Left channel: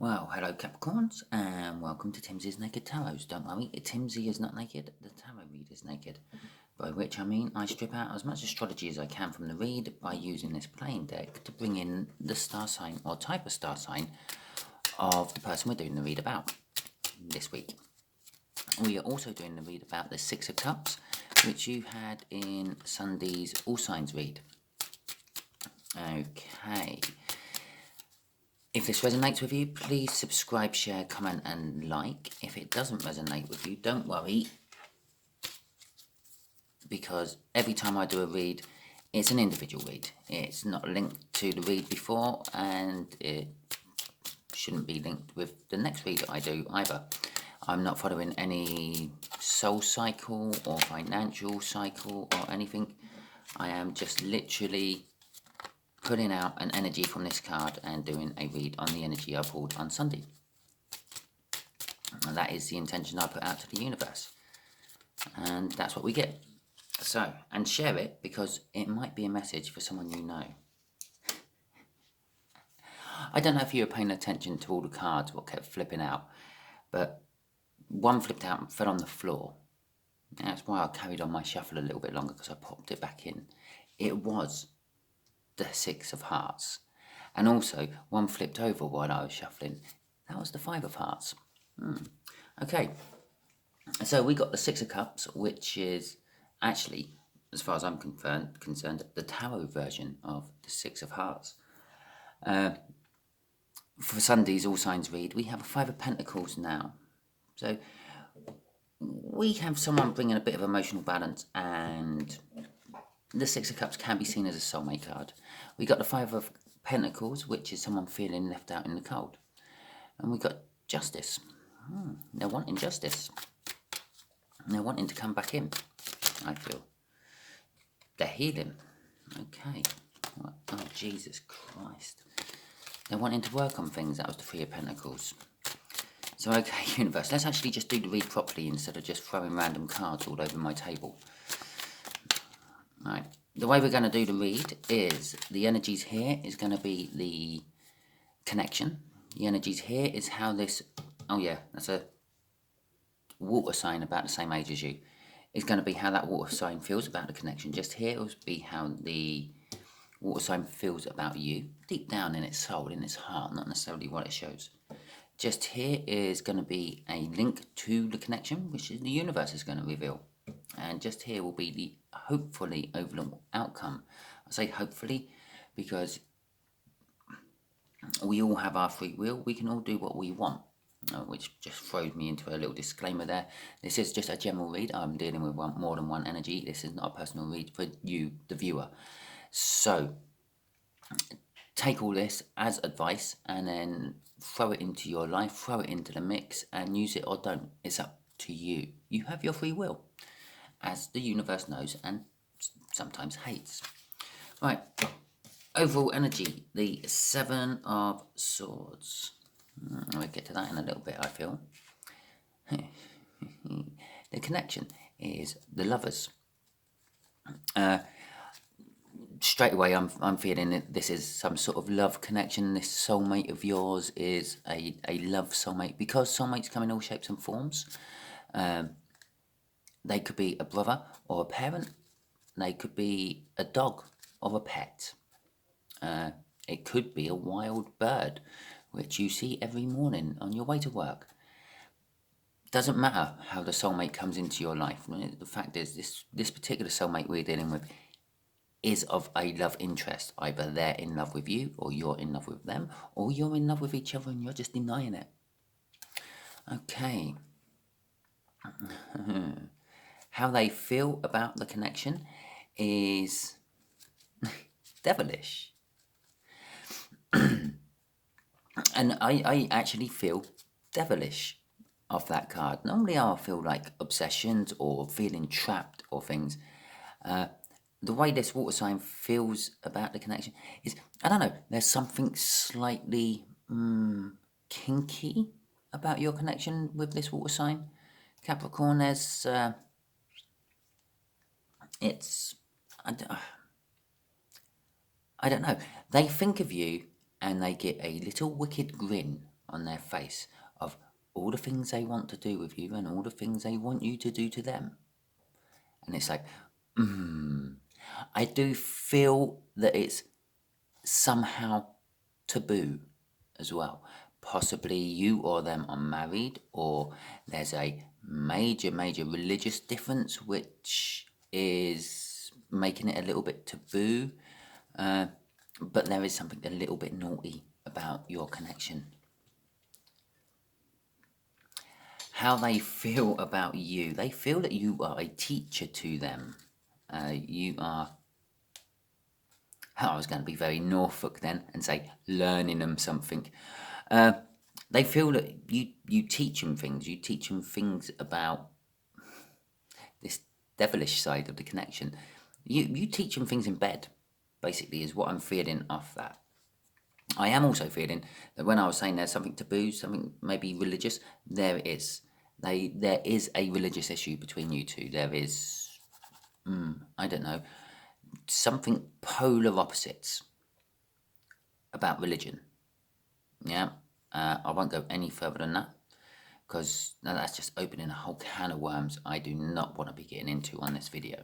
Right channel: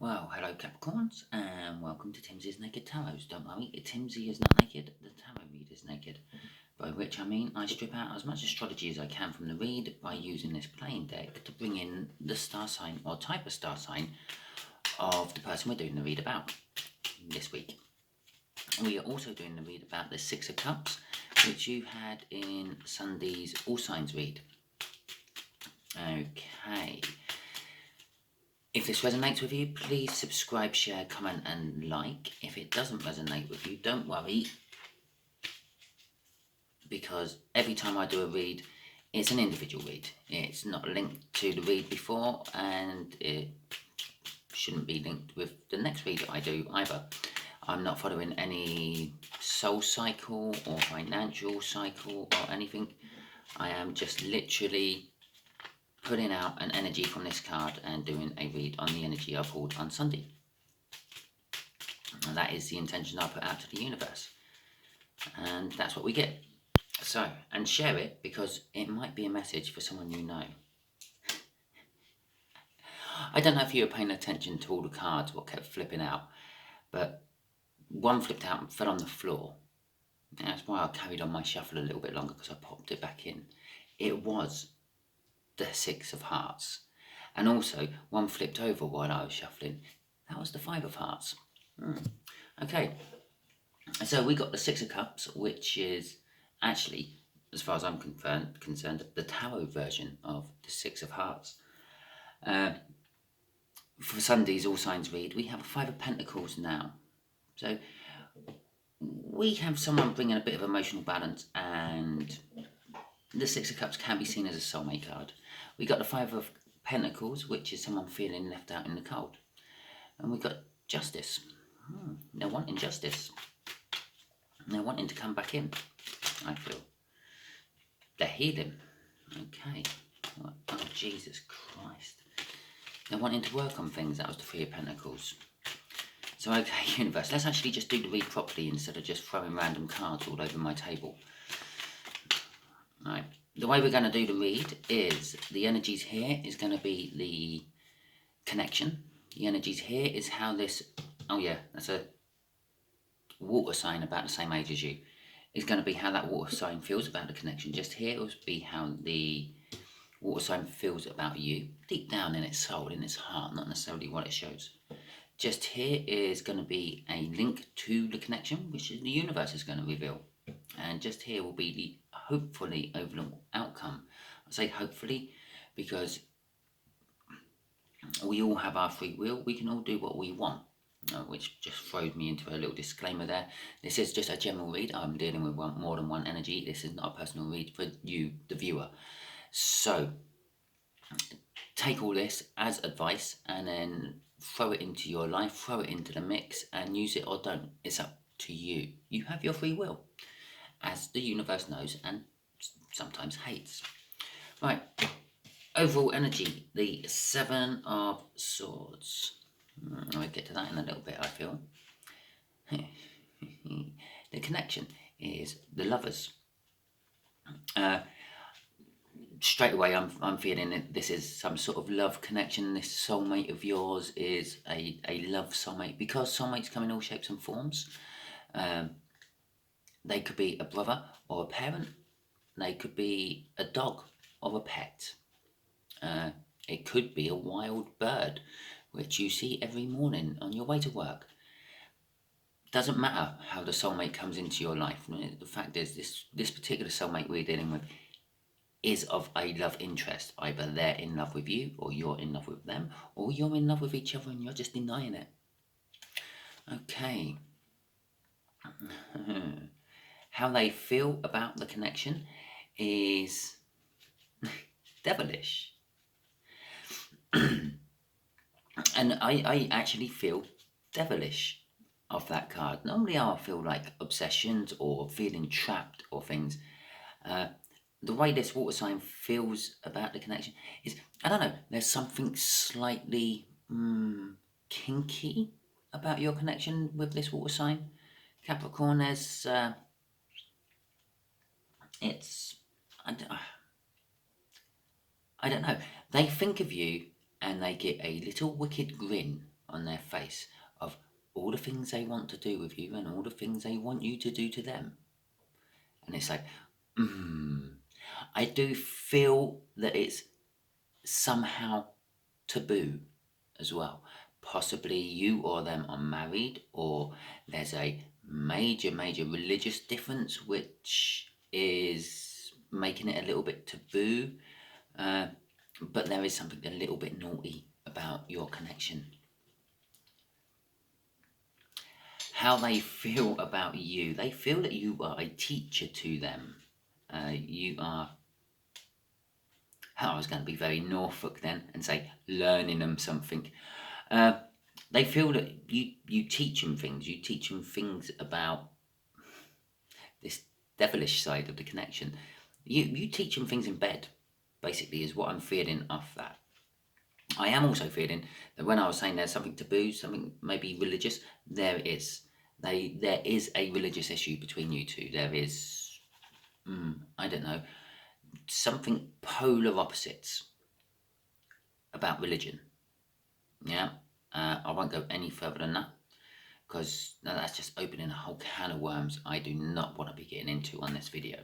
Well, hello Capricorns, and welcome to Timsy's Naked Tarot. Don't worry, Timsy is not naked, the tarot read is naked. By which I mean I strip out as much astrology as I can from the read by using this playing deck to bring in the star sign or type of star sign of the person we're doing the read about this week. We are also doing the read about the Six of Cups, which you had in Sunday's All Signs read. Okay. If this resonates with you, please subscribe, share, comment and like. If it doesn't resonate with you, don't worry, because every time I do a read, it's an individual read. It's not linked to the read before, and it shouldn't be linked with the next read that I do either. I'm not following any soul cycle or financial cycle or anything. I am just literally putting out an energy from this card and doing a read on the energy I pulled on Sunday. And that is the intention I put out to the universe. And that's what we get. So, and share it, because it might be a message for someone you know. I don't know if you were paying attention to all the cards, what kept flipping out, but one flipped out and fell on the floor. And that's why I carried on my shuffle a little bit longer, because I popped it back in. It was the Six of Hearts. And also, one flipped over while I was shuffling. That was the Five of Hearts. Okay, so we got the Six of Cups, which is actually, as far as I'm concerned, the tarot version of the Six of Hearts. For Sunday's All Signs read, we have a Five of Pentacles now. So we have someone bringing a bit of emotional balance, and the Six of Cups can be seen as a soulmate card. We got the Five of Pentacles, which is someone feeling left out in the cold. And we got Justice. They're wanting justice. They're wanting to come back in, I feel. They're healing. Okay. Oh, Jesus Christ. They're wanting to work on things. That was the Three of Pentacles. So, okay, universe, let's actually just do the read properly instead of just throwing random cards all over my table. Right. The way we're going to do the read is the energies here is going to be the connection. The energies here is how this... Oh, yeah, that's a water sign about the same age as you. It's going to be how that water sign feels about the connection. Just here will be how the water sign feels about you, deep down in its soul, in its heart, not necessarily what it shows. Just here is going to be a link to the connection, which is the universe is going to reveal. And just here will be the hopefully overall outcome. I say hopefully because we all have our free will. We can all do what we want. Which just throws me into a little disclaimer there. This is just a general read. I'm dealing with more than one energy. This is not a personal read for you, the viewer. So take all this as advice and then throw it into your life, throw it into the mix and use it or don't. It's up to you. You have your free will, as the universe knows and sometimes hates. Right, overall energy, the Seven of Swords. We'll get to that in a little bit, I feel. The connection is the Lovers. Straight away, I'm feeling that this is some sort of love connection. This soulmate of yours is a love soulmate, because soulmates come in all shapes and forms. They could be a brother or a parent. They could be a dog or a pet. It could be a wild bird, which you see every morning on your way to work. Doesn't matter how the soulmate comes into your life. The fact is, this particular soulmate we're dealing with is of a love interest. Either they're in love with you, or you're in love with them, or you're in love with each other and you're just denying it. Okay. How they feel about the connection is devilish. And I actually feel devilish of that card. Normally I feel like obsessions or feeling trapped or things. The way this water sign feels about the connection is, I don't know, there's something slightly kinky about your connection with this water sign. Capricorn, there's, it's, I don't know, they think of you and they get a little wicked grin on their face of all the things they want to do with you and all the things they want you to do to them. And it's like, I do feel that it's somehow taboo as well. Possibly you or them are married, or there's a major religious difference which is making it a little bit taboo. But there is something a little bit naughty about your connection. How they feel about you. They feel that you are a teacher to them. You are... I was going to be very Norfolk then and say learning them something. They feel that you teach them things. You teach them things about this devilish side of the connection. You teach them things in bed, basically, is what I'm feeling off that. I am also feeling that when I was saying there's something taboo, something maybe religious, there is. There is a religious issue between you two. There is, I don't know, something polar opposites about religion. Yeah, I won't go any further than that, because that's just opening a whole can of worms I do not want to be getting into on this video.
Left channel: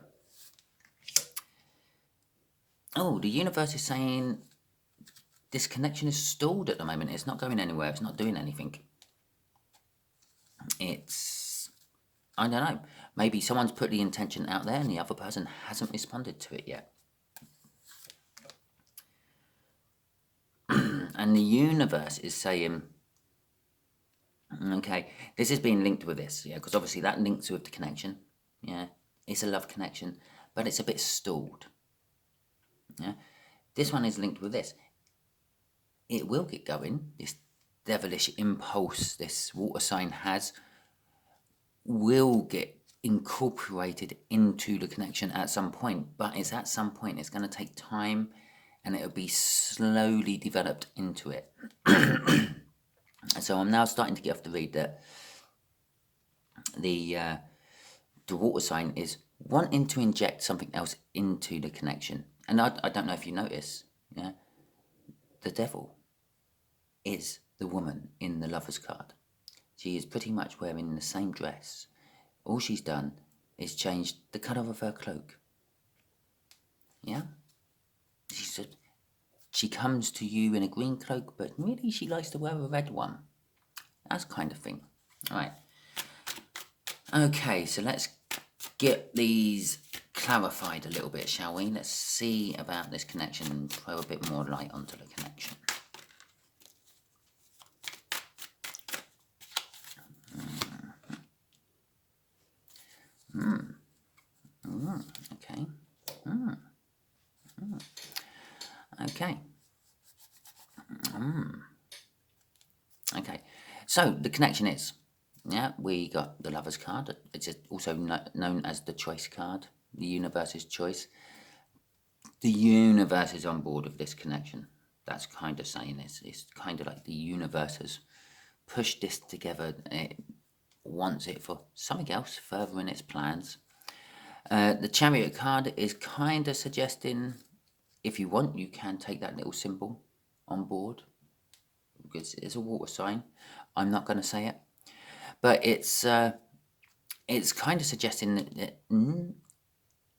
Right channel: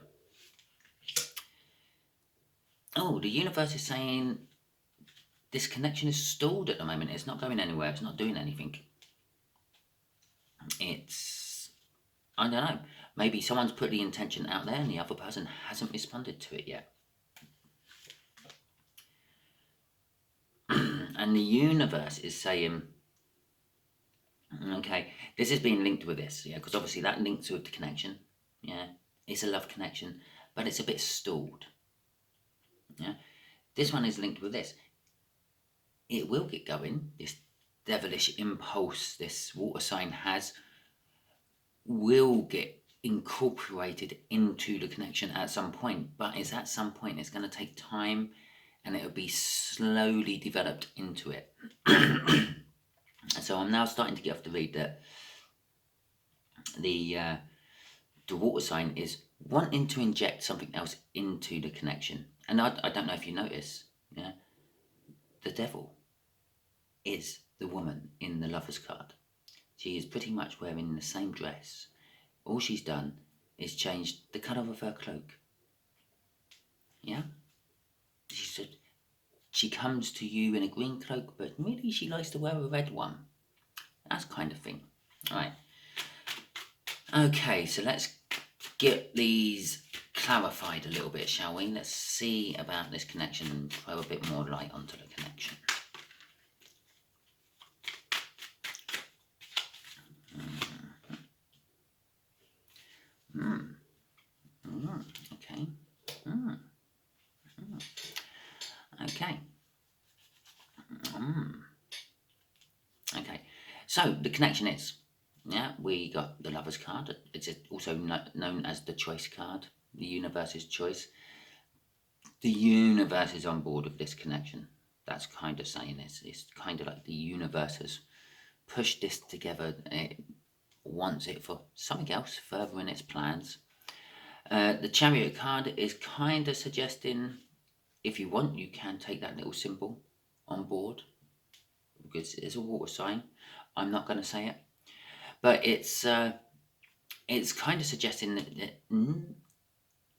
Oh, the universe is saying this connection is stalled at the moment. It's not going anywhere. It's not doing anything. It's, I don't know, maybe someone's put the intention out there and the other person hasn't responded to it yet. And the universe is saying, okay, this is being linked with this, yeah, because obviously that links with the connection, yeah, it's a love connection, but it's a bit stalled, yeah. This one is linked with this. It will get going. This devilish impulse this water sign has will get incorporated into the connection at some point, but it's at some point. It's going to take time, and it'll be slowly developed into it. So I'm now starting to get off the read that the water sign is wanting to inject something else into the connection. And I don't know if you notice, yeah, the devil is the woman in the Lover's card. She is pretty much wearing the same dress. All she's done is changed the colour of her cloak. Yeah? She comes to you in a green cloak, but really she likes to wear a red one. That kind of thing. All right. Okay, so let's get these clarified a little bit, shall we? Let's see about this connection and throw a bit more light onto the connection. Okay. Okay. Okay. So the connection is, yeah, we got the Lover's card. It's also known as the Choice card, the universe's choice. The universe is on board with this connection. That's kind of saying this. It's kind of like the universe has pushed this together. It wants it for something else further in its plans. The Chariot card is kind of suggesting, if you want, you can take that little symbol on board, because it's a water sign. I'm not going to say it, but it's kind of suggesting that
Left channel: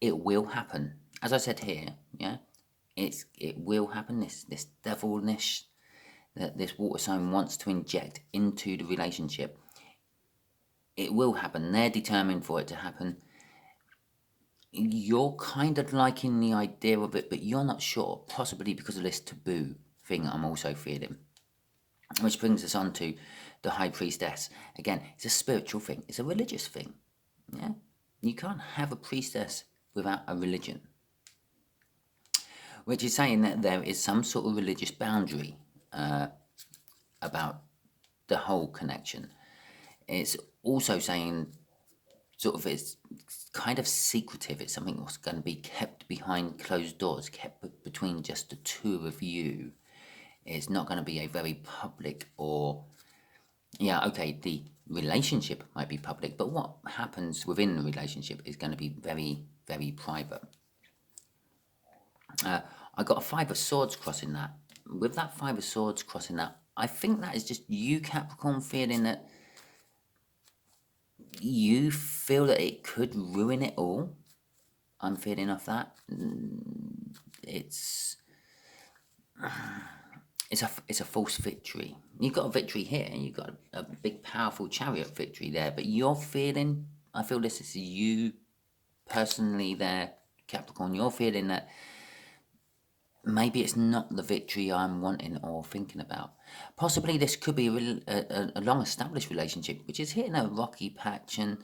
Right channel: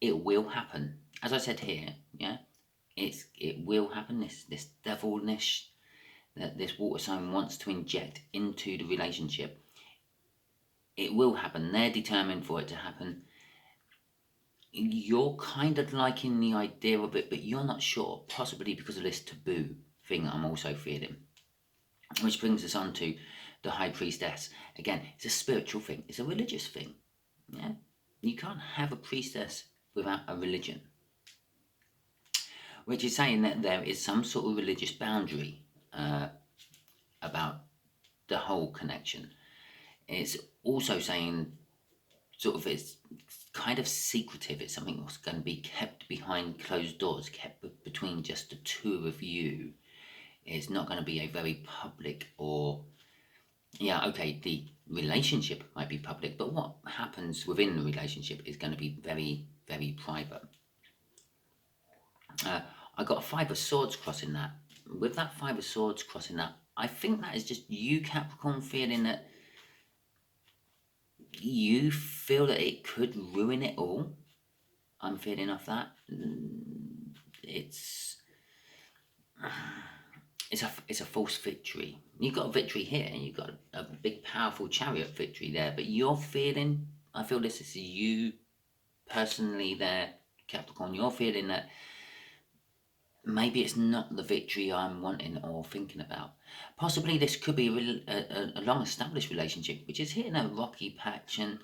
it will happen. As I said here, yeah, it will happen. This devilish that this water sign wants to inject into the relationship. It will happen. They're determined for it to happen. You're kind of liking the idea of it, but you're not sure, possibly because of this taboo thing I'm also feeling. Which brings us on to the High Priestess. Again, it's a spiritual thing. It's a religious thing. Yeah, you can't have a priestess without a religion. Which is saying that there is some sort of religious boundary about the whole connection. It's also saying sort of it's kind of secretive. It's something that's going to be kept behind closed doors, kept between just the two of you. It's not going to be a very public, or, yeah, okay, the relationship might be public, but what happens within the relationship is going to be very, very private. I got a 5 of Swords crossing that. With that 5 of Swords crossing that, I think that is just you, Capricorn, feeling that you feel that it could ruin it all. I'm feeling off that. It's a false victory. You've got a victory here. You've got a big, powerful chariot victory there. But you're feeling, I feel this is you personally there, Capricorn. You're feeling that maybe it's not the victory I'm wanting or thinking about. Possibly this could be a long-established relationship, which is hitting a rocky patch, and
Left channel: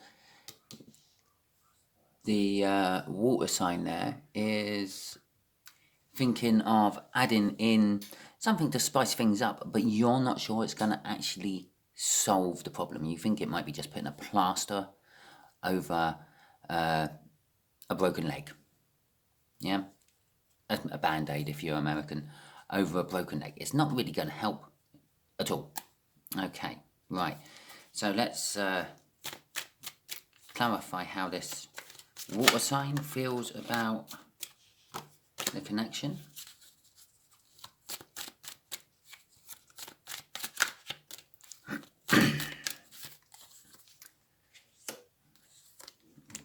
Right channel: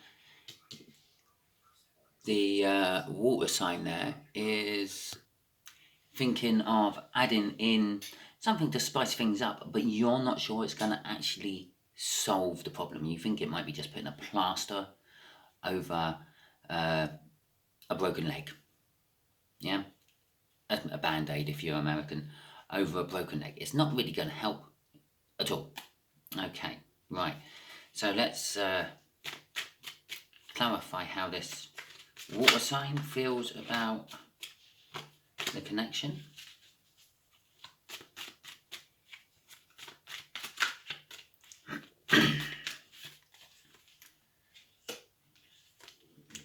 the water sign there is thinking of adding in something to spice things up, but you're not sure it's going to actually solve the problem. You think it might be just putting a plaster over a broken leg. Yeah? A band-aid, if you're American, over a broken leg. It's not really going to help at all. Okay, right. So let's clarify how this water sign feels about the connection.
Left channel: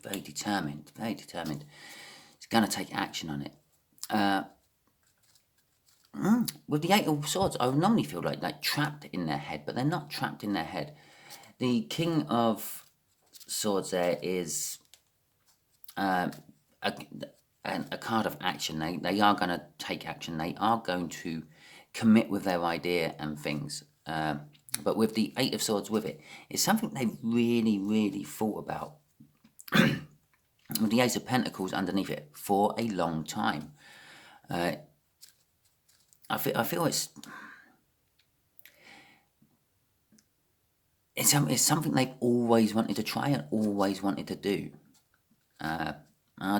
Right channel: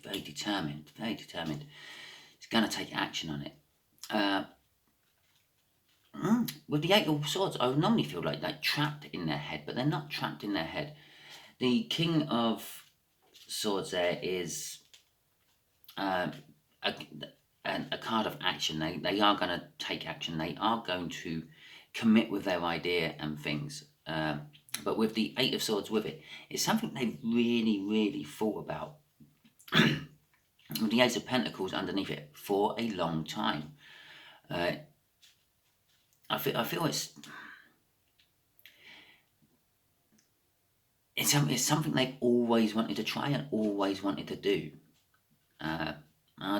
Very determined, very determined. It's going to take action on it. With the Eight of Swords, I would normally feel like trapped in their head, but they're not trapped in their head. The King of Swords there is a card of action. They are going to take action. They are going to commit with their idea and things. But with the Eight of Swords with it, it's something they've really, really thought about. With the Ace of Pentacles underneath it for a long time. I feel it's something they've always wanted to try and always wanted to do. I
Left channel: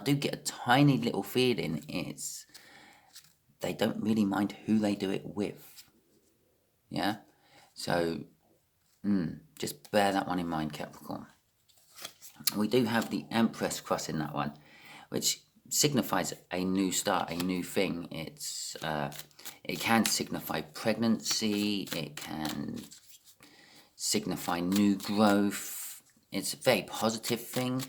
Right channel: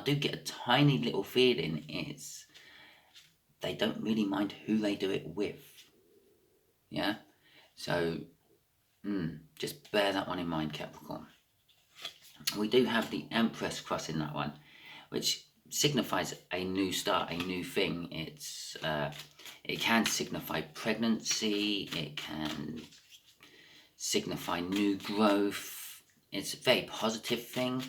do get a tiny little feeling they don't really mind who they do it with. Yeah? So, just bear that one in mind, Capricorn. We do have the Empress crossing that one, which signifies a new start, a new thing. It can signify pregnancy, it can signify new growth. It's a very positive thing.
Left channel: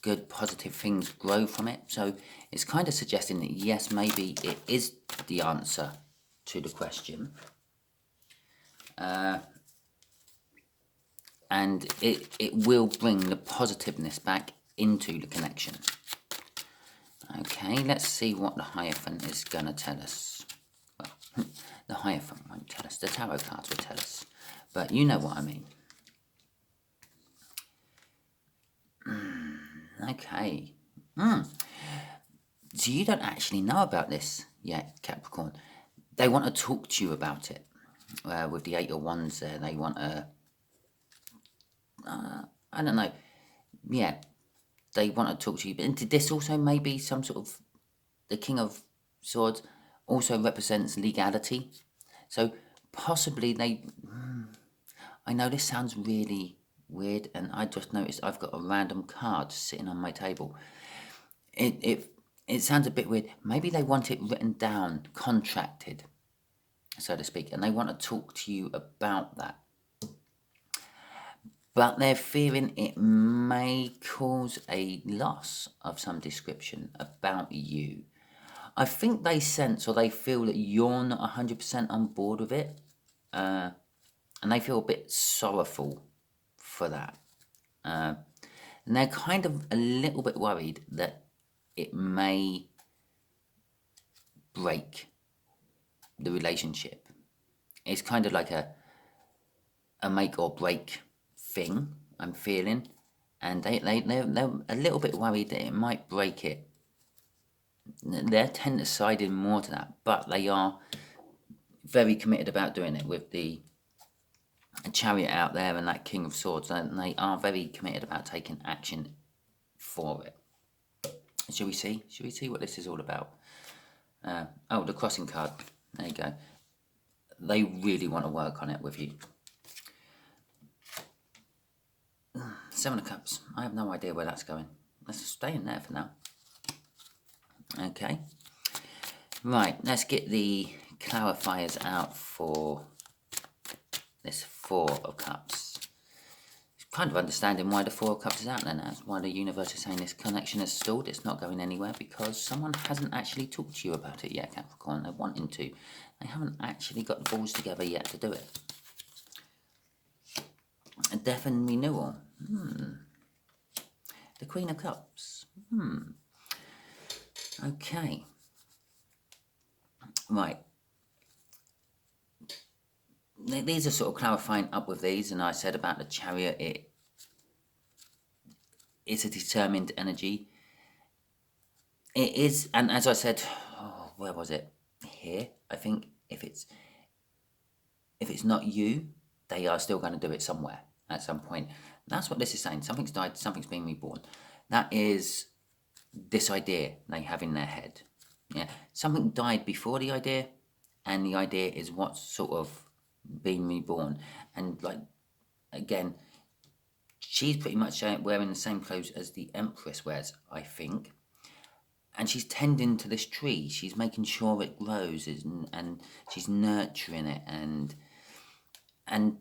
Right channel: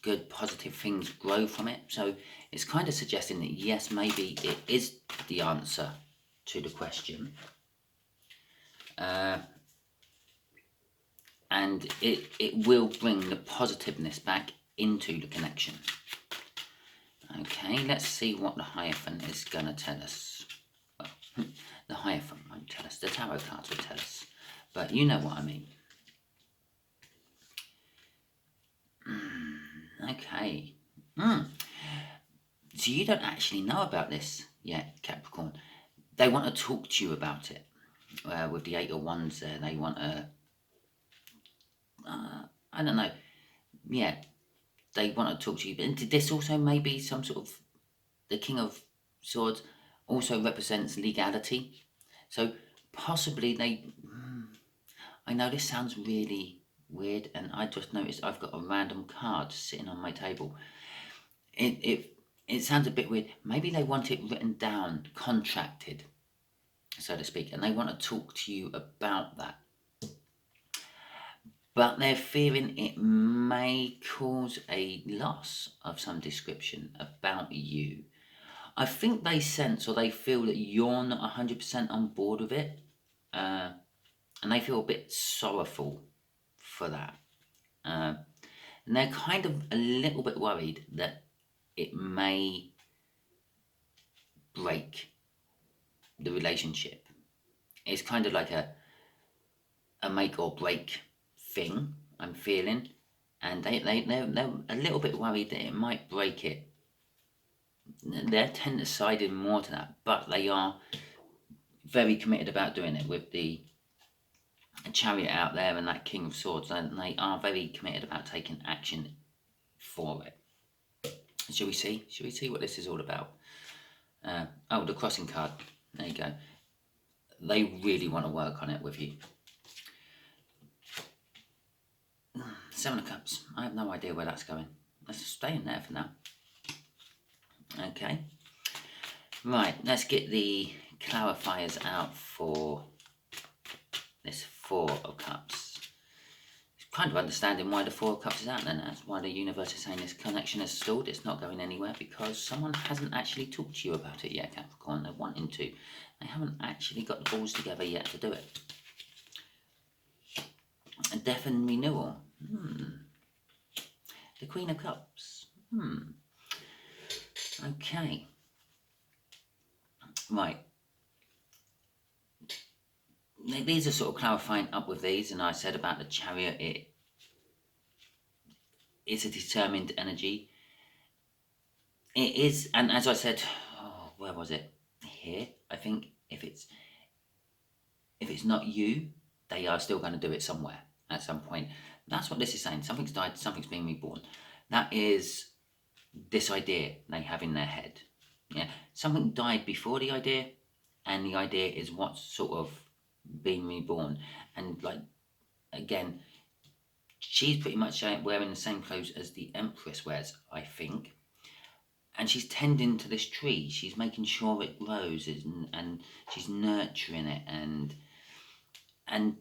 Good positive things grow from it. So it's kind of suggesting that yes, maybe it is the answer to the question. And it will bring the positiveness back into the connection. Okay, let's see what the Hierophant is going to tell us. Well, the Hierophant won't tell us. The tarot cards will tell us. But you know what I mean. Okay. So you don't actually know about this yet, Capricorn. They want to talk to you about it. With the Eight of Wands there, they want to... I don't know. Yeah, they want to talk to you. And this also may be some sort of... The King of Swords also represents legality. So possibly they... I know this sounds really weird, and I just noticed I've got a random card sitting on my table. It sounds a bit weird. Maybe they want it written down, contracted, so to speak, and they want to talk to you about that. But they're fearing it may cause a loss of some description about you. I think they sense or they feel that you're not 100% on board with it. And they feel a bit sorrowful for that. And they're kind of a little bit worried that it may break the relationship. It's kind of like a make or break thing, I'm feeling. And they're a little bit worried that it might break it. They tend to side in more to that, but they are very committed about doing it with the Chariot out there and that King of Swords, and they are very committed about taking action for it. Shall we see? Shall we see what this is all about? Oh, the crossing card. There you go. They really want to work on it with you. Seven of Cups. I have no idea where that's going. Let's stay in there for now. Okay. Right, let's get the clarifiers out for Four of Cups. It's kind of understanding why the Four of Cups is out there. That's why the universe is saying this connection is stalled. It's not going anywhere because someone hasn't actually talked to you about it yet, Capricorn. They're wanting to. They haven't actually got the balls together yet to do it. A death and renewal. The Queen of Cups. Okay. Right. These are sort of clarifying up with these, and I said about the Chariot, it's a determined energy. It is, and as I said, where was it? Here, I think if it's not you, they are still going to do it somewhere at some point. That's what this is saying. Something's died, something's being reborn. That is this idea they have in their head. Yeah, something died before the idea, and the idea is what's sort of being reborn. And like, again, she's pretty much wearing the same clothes as the Empress wears, I think. And she's tending to this tree. She's making sure it grows, and she's nurturing it, and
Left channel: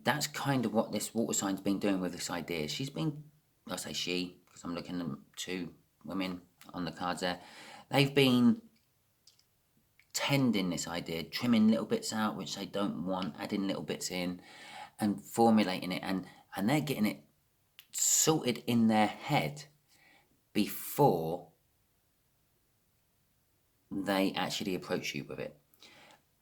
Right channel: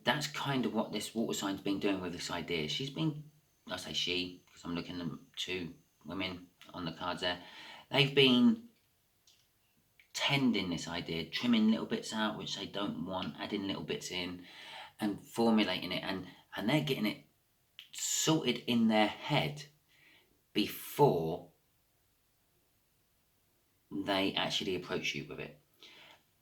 that's kind of what this water sign's been doing with this idea. She's been, I say she, because I'm looking at two women on the cards there. They've been tending this idea, trimming little bits out which they don't want, adding little bits in, and formulating it, and they're getting it sorted in their head before they actually approach you with it.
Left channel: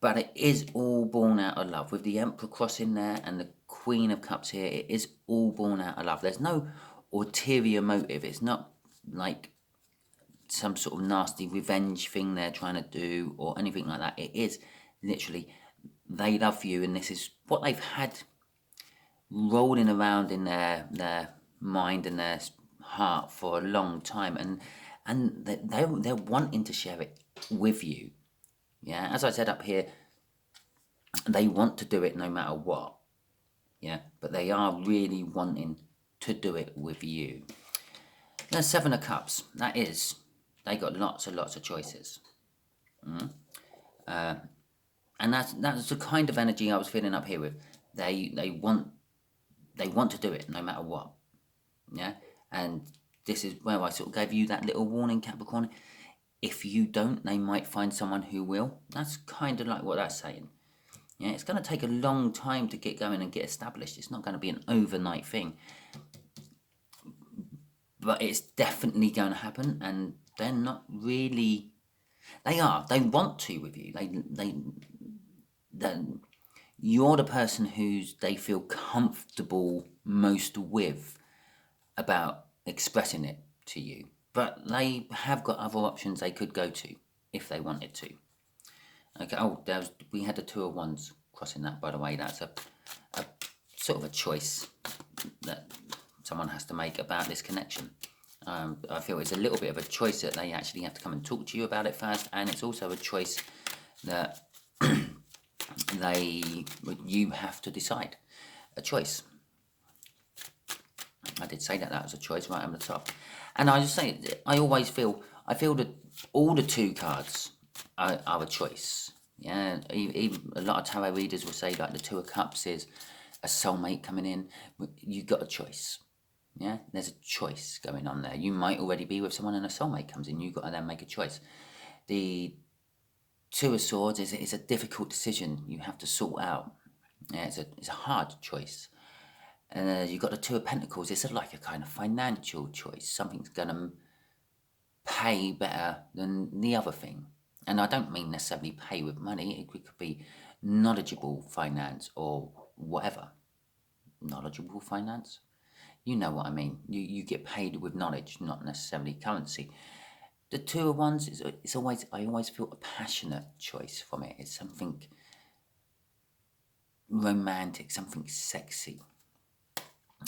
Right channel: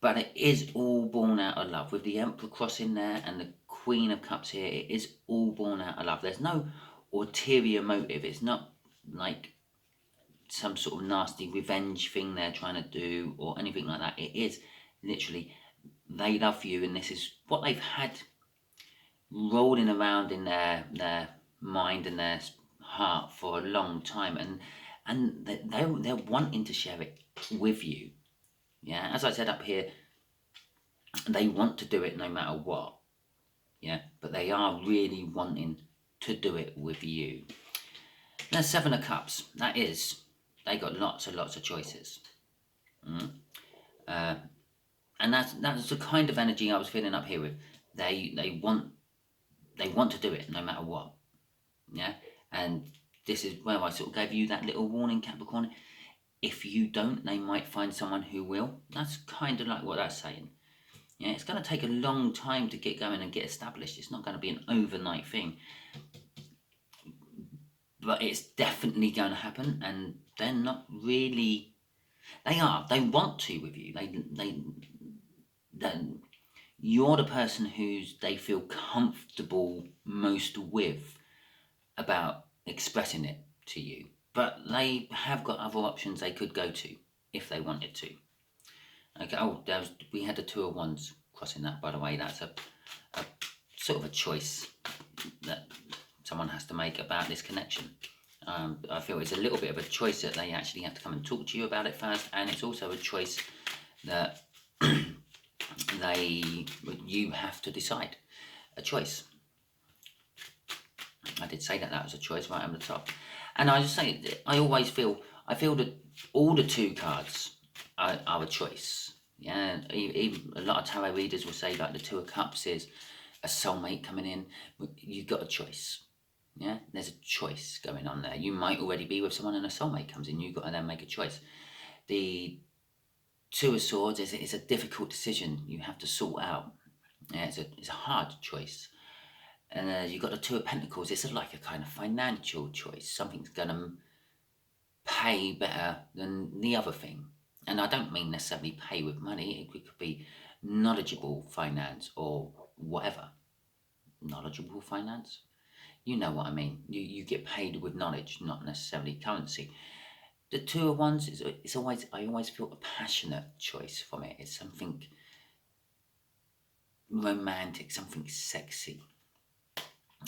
But it is all born out of love. With the Emperor cross in there and the Queen of Cups here, it is all born out of love. There's no ulterior motive. It's not like some sort of nasty revenge thing they're trying to do or anything like that. It is literally, they love you, and this is what they've had rolling around in their mind and their heart for a long time, and they're wanting to share it with you. Yeah, as I said up here, they want to do it no matter what. Yeah, but they are really wanting to do it with you. Now, Seven of Cups. That is, they got lots of choices. And that's the kind of energy I was feeling up here with. They want to do it no matter what. Yeah, and this is where I sort of gave you that little warning, Capricorn. If you don't, they might find someone who will. That's kind of like what that's saying. Yeah, it's going to take a long time to get going and get established. It's not going to be an overnight thing. But it's definitely going to happen, and they're not really... They want to with you. You're the person who's they feel comfortable most with about expressing it to you. But they have got other options they could go to if they wanted to. Okay. We had the Two of Wands crossing that, by the way. That's a sort of a choice that someone has to make about this connection. I feel it's a little bit of a choice that they actually have to come and talk to you about it first, and it's also a choice that you have to decide. A choice. I did say that was a choice right on the top. And I just say, I feel that all the two cards are a choice. Yeah, even a lot of tarot readers will say like the Two of Cups is a soulmate coming in. You've got a choice. Yeah, there's a choice going on there. You might already be with someone and a soulmate comes in. You've got to then make a choice. The Two of Swords is a difficult decision you have to sort out. Yeah, it's a hard choice. And you've got the Two of Pentacles. It's like a kind of financial choice. Something's going to pay better than the other thing. And I don't mean necessarily pay with money. It could be knowledgeable finance or whatever. Knowledgeable finance? You know what I mean. You get paid with knowledge, not necessarily currency. The Two of Wands, I always feel a passionate choice from it. It's something romantic, something sexy.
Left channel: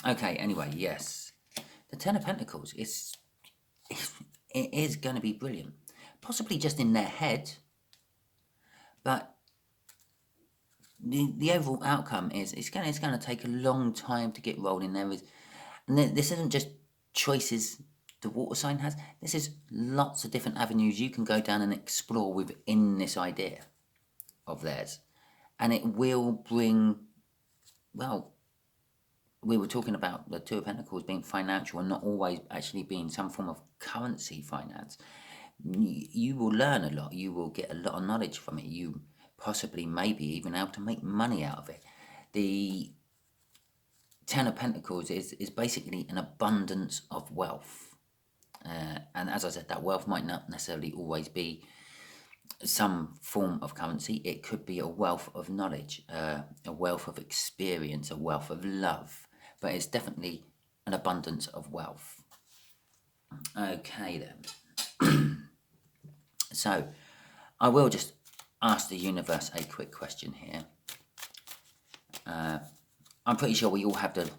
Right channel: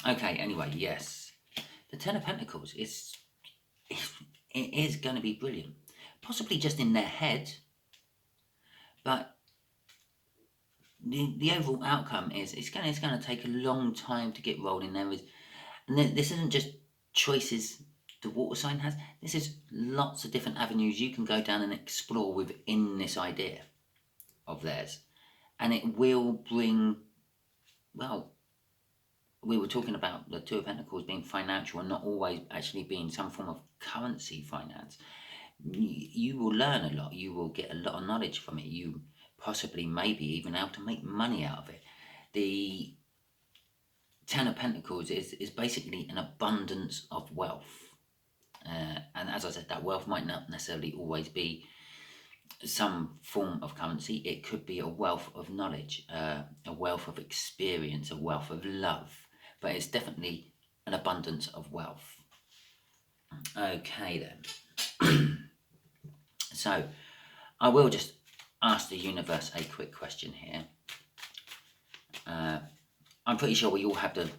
Okay, anyway, yes. The Ten of Pentacles it is going to be brilliant. Possibly just in their head, but the overall outcome is it's going to take a long time to get rolling. This isn't just choices the water sign has. This is lots of different avenues you can go down and explore within this idea of theirs, and it will bring, well, we were talking about the Two of Pentacles being financial and not always actually being some form of currency finance. You will learn a lot. You will get a lot of knowledge from it. You possibly, maybe even able to make money out of it. The Ten of Pentacles is basically an abundance of wealth. And as I said, that wealth might not necessarily always be some form of currency. It could be a wealth of knowledge, a wealth of experience, a wealth of love, but it's definitely an abundance of wealth. Okay then. So I will just ask the universe a quick question here. I'm pretty sure we all have the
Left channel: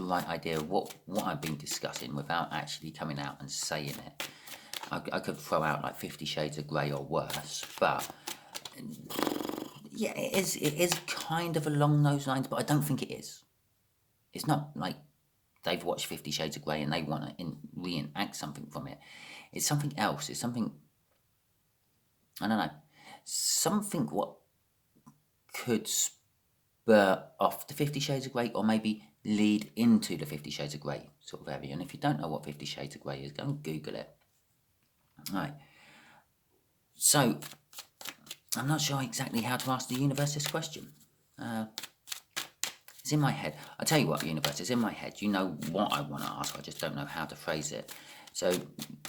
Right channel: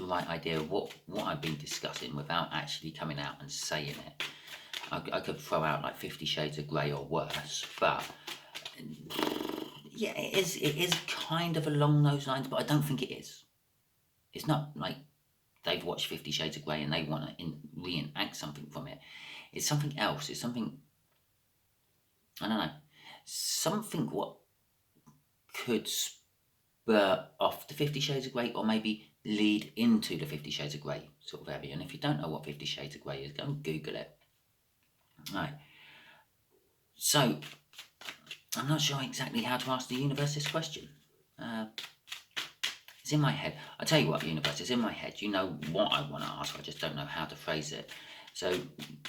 right idea of what I've been discussing without actually coming out and saying it. I could throw out like 50 Shades of Grey or worse, but yeah, it is kind of along those lines, but I don't think it is. It's not like they've watched 50 Shades of Grey and they want to reenact something from it. It's something else. It's something, I don't know, something what could spur off the 50 Shades of Grey, or maybe lead into the 50 Shades of Grey sort of area. And if you don't know what 50 Shades of Grey is, go and Google it. Right. So, I'm not sure exactly how to ask the universe this question. It's in my head. I tell you what, universe, it's in my head. You know what I want to ask, I just don't know how to phrase it. So,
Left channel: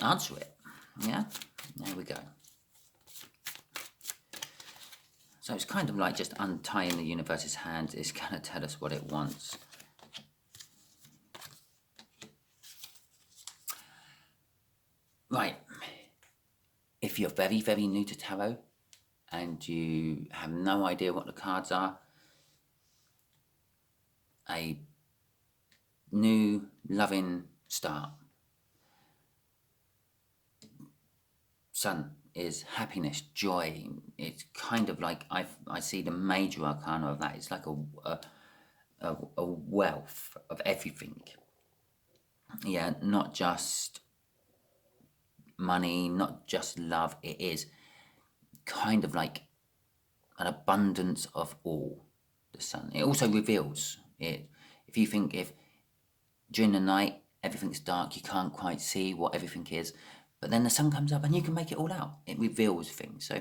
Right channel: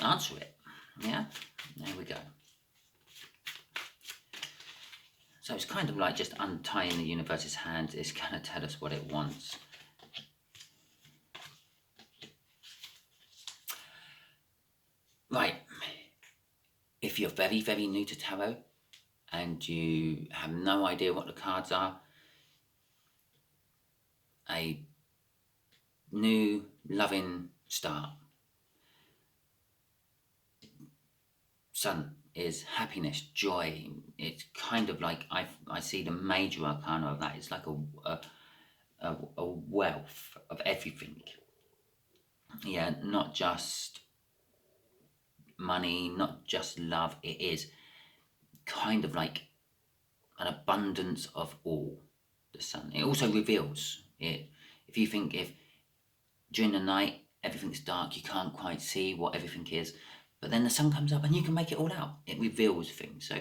answer it. Yeah? There we go. So it's kind of like just untying the universe's hands. It's going to tell us what it wants. Right. If you're very, very new to tarot and you have no idea what the cards are, a new loving start. Sun is happiness, joy. It's kind of like I see the major arcana of that. It's like a wealth of everything. Yeah, not just money, not just love. It is kind of like an abundance of all. The Sun. It also reveals it. If you think if during the night everything's dark, you can't quite see what everything is. But then the sun comes up and you can make it all out. It reveals things. So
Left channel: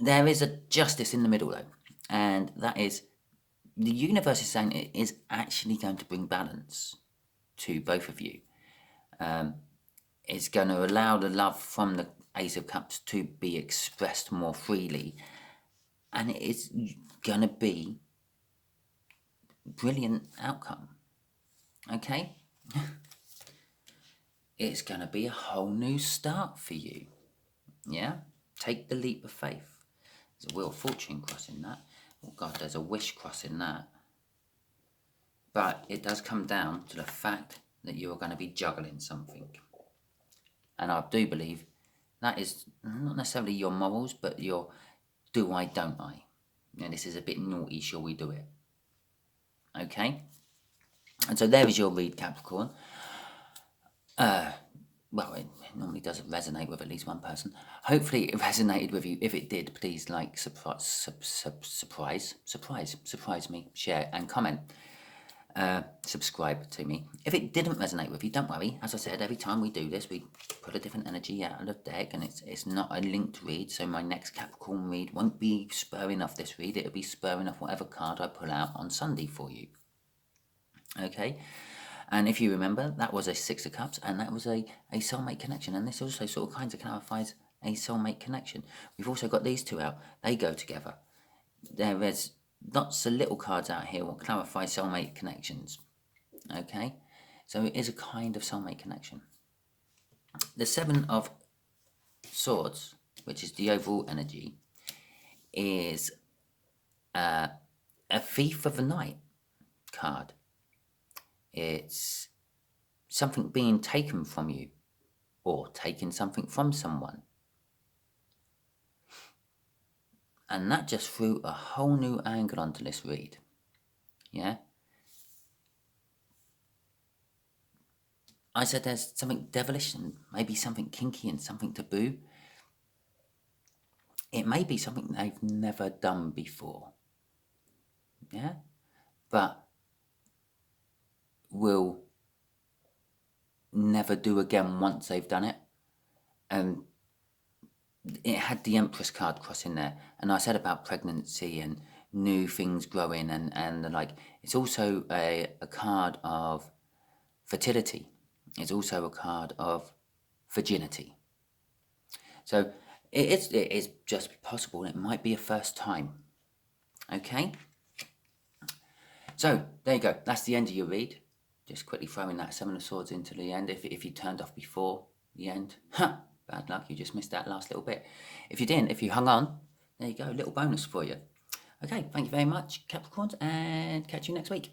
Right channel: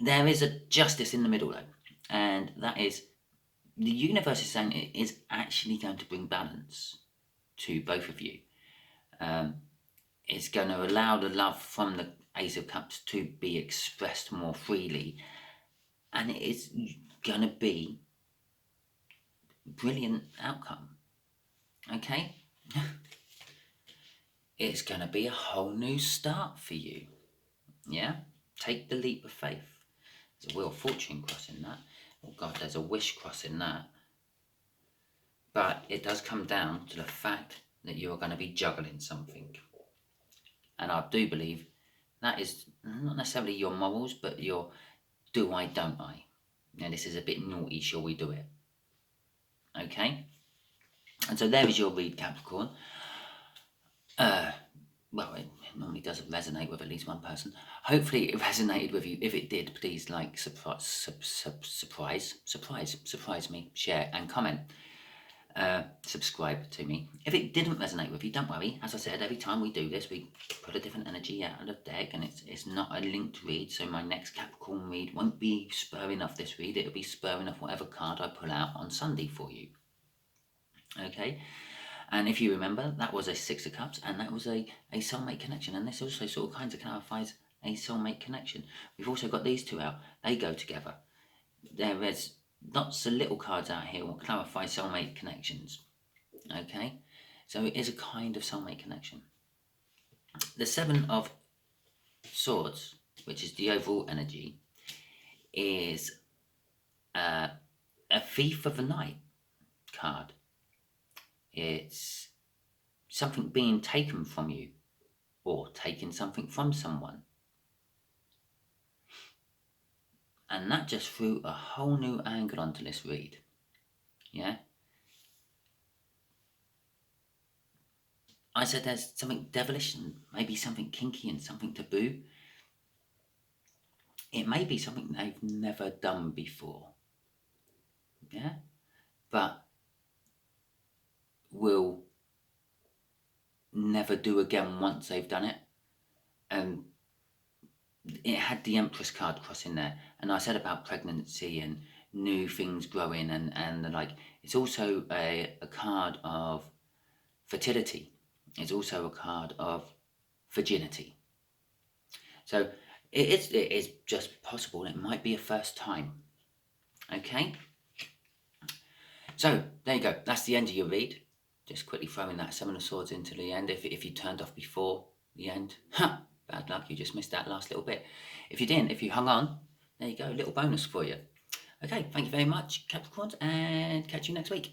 there is a justice in the middle though. And that is, the universe is saying it is actually going to bring balance to both of you. It's going to allow the love from the Ace of Cups to be expressed more freely. And it is going to be a brilliant outcome. Okay? It's going to be a whole new start for you. Yeah? Take the leap of faith. There's a Wheel of Fortune crossing that. Oh God, there's a Wish crossing that. But it does come down to the fact that you are going to be juggling something. And I do believe that is not necessarily your morals, but your do I, don't I. And this is a bit naughty, shall we do it? Okay? And so there is your read, Capricorn. Well, it normally does resonate with at least one person. Hopefully it resonated with you. If it did, please like, surprise me, share and comment. Subscribe to me. If it didn't resonate with you, don't worry. As I said, every time we do this, we put a different energy out of the deck, and it's not a linked read, so my next Capricorn read won't be spurring off this read. It'll be spurring off whatever card I pull out on Sunday for you. Okay? And if you remember, that was a Six of Cups, and that was a soulmate connection. And this also sort of kind of clarifies a soulmate connection. We've also got these two out. They go together. There is lots of little cards out here will clarify soulmate connections. Okay? So it is a kind of soulmate connection. The Seven of Swords, which is the overall energy, is a Thief of the Night card. It's something being taken from you, or taking something from someone. And that just threw a whole new angle onto this read. Yeah? I said there's something devilish and maybe something kinky and something taboo. It may be something they've never done before. Yeah? But will never do again once they've done it. And it had the Empress card cross in there, and I said about pregnancy and new things growing, and like, it's also a card of fertility. It's also a card of virginity. So it is just possible. It might be a first time. Okay? So there you go. That's the end of your read. Just quickly throwing that Seven of Swords into the end. If you turned off before the end, bad luck. You just missed that last little bit. If you didn't, if you hung on, there you go. A little bonus for you. Okay, thank you very much, Capricorns, and catch you next week.